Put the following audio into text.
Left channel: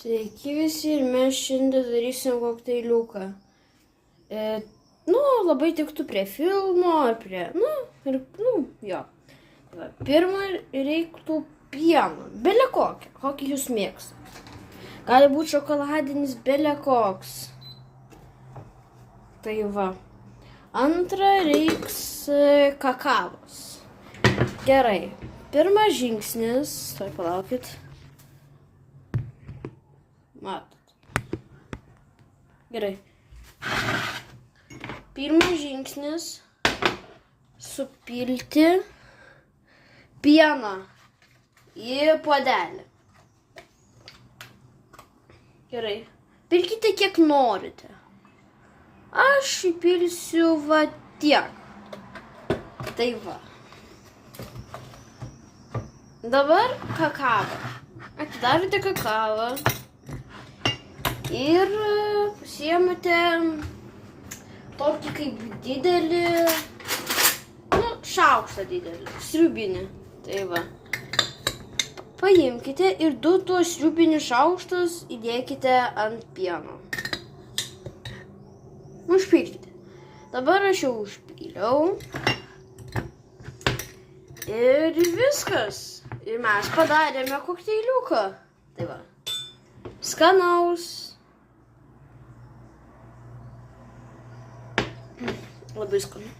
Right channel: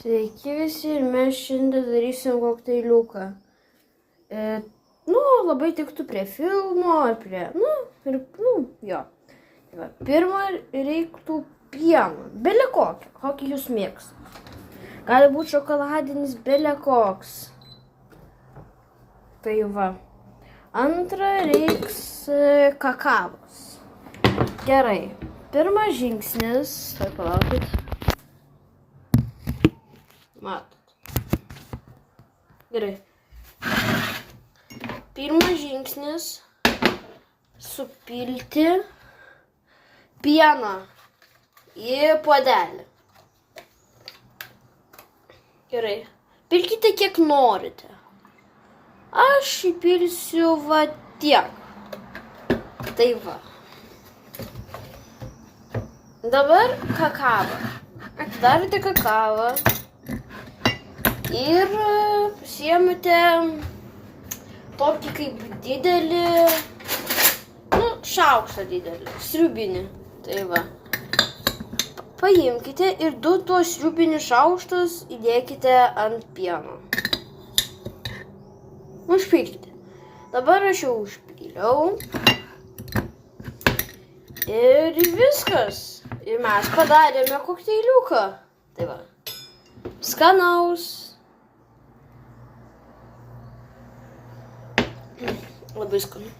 Sveiki visi ir mes šiandien darysim kokteiliuką. Labai tiktų prie filmo ar prie, jo. Tai va, pirmą reiktų pieno, bele kokį jūs mėgstat. Gali būti šokoladinis, bele koks. Tai va. Antra reiks kakavos. Gerai. Pirmas žingsnis, tai palaukit. Matot. Gerai. Pirmas žingsnis supilti pieną į puodelį. Gerai. Pilkite kiek norite. Aš įpilsiu va tiek. Tai va. Dabar kakavą. Atidavite kakavą. Ir pasiemate tokį kaip didelį, šaukštą didelį, sriubinį. Tai va. Paimkite ir du tuos sriubinius šaukštus įdėkite ant pieno. Užpilkite. Dabar aš jau užpyliau. Ir viskas. Ir mes padarėme kokteiliuką. Tai va. Skanaus. Labai skanu.